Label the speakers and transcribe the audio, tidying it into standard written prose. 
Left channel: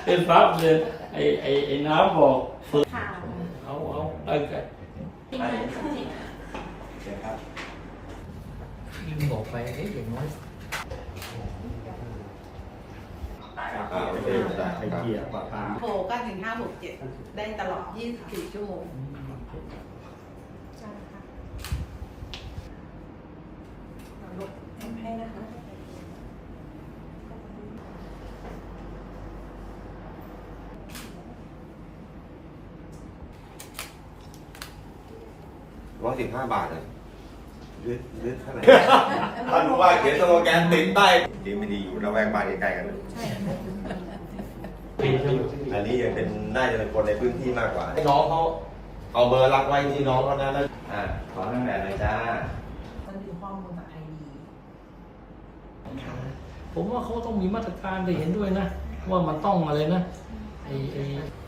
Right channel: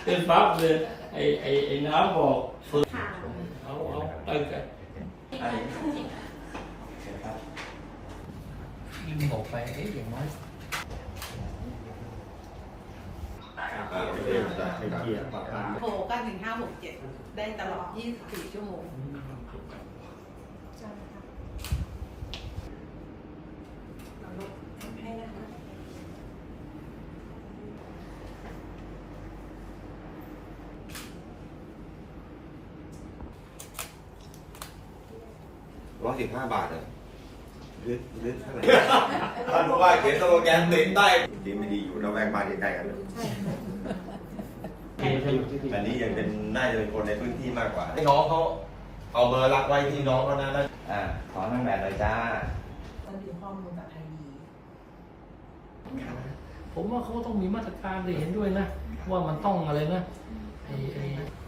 Speaker 1: เป็นฟ้าเนี่ยไอ้น้ำบอกฝึก
Speaker 2: ค่ะ
Speaker 1: เอาไปกัน
Speaker 2: ที่ไหนที่ไหน
Speaker 1: ยิ่งบอกไปอย่างน้อย
Speaker 3: ไปเกี่ยวกับการ
Speaker 2: โทรก็1567ได้ตลอด24ชั่วโมงใช่ค่ะลูกให้นะคะ
Speaker 4: 115 บาทเลยลึกเท่าไหร่ท่านผู้ว่าเขียนสโลแกนติดได้ดีไม่ดีอยู่ระแวกบ้านใกล้ๆกันนะอันนี้ยังเป็นน่าจะเป็นคนในพื้นที่มากกว่าให้น้องเขาเอาเบอร์รักไว้ที่น้องเขานะแล้วขอตั้งแต่เลยจ้า
Speaker 2: มันดูข้อมูลจากไอดี
Speaker 1: ผมว่าเขาต้องมีมาตรการไปเห็นด้วยนะว่ามันต้องอะไรนะไอ้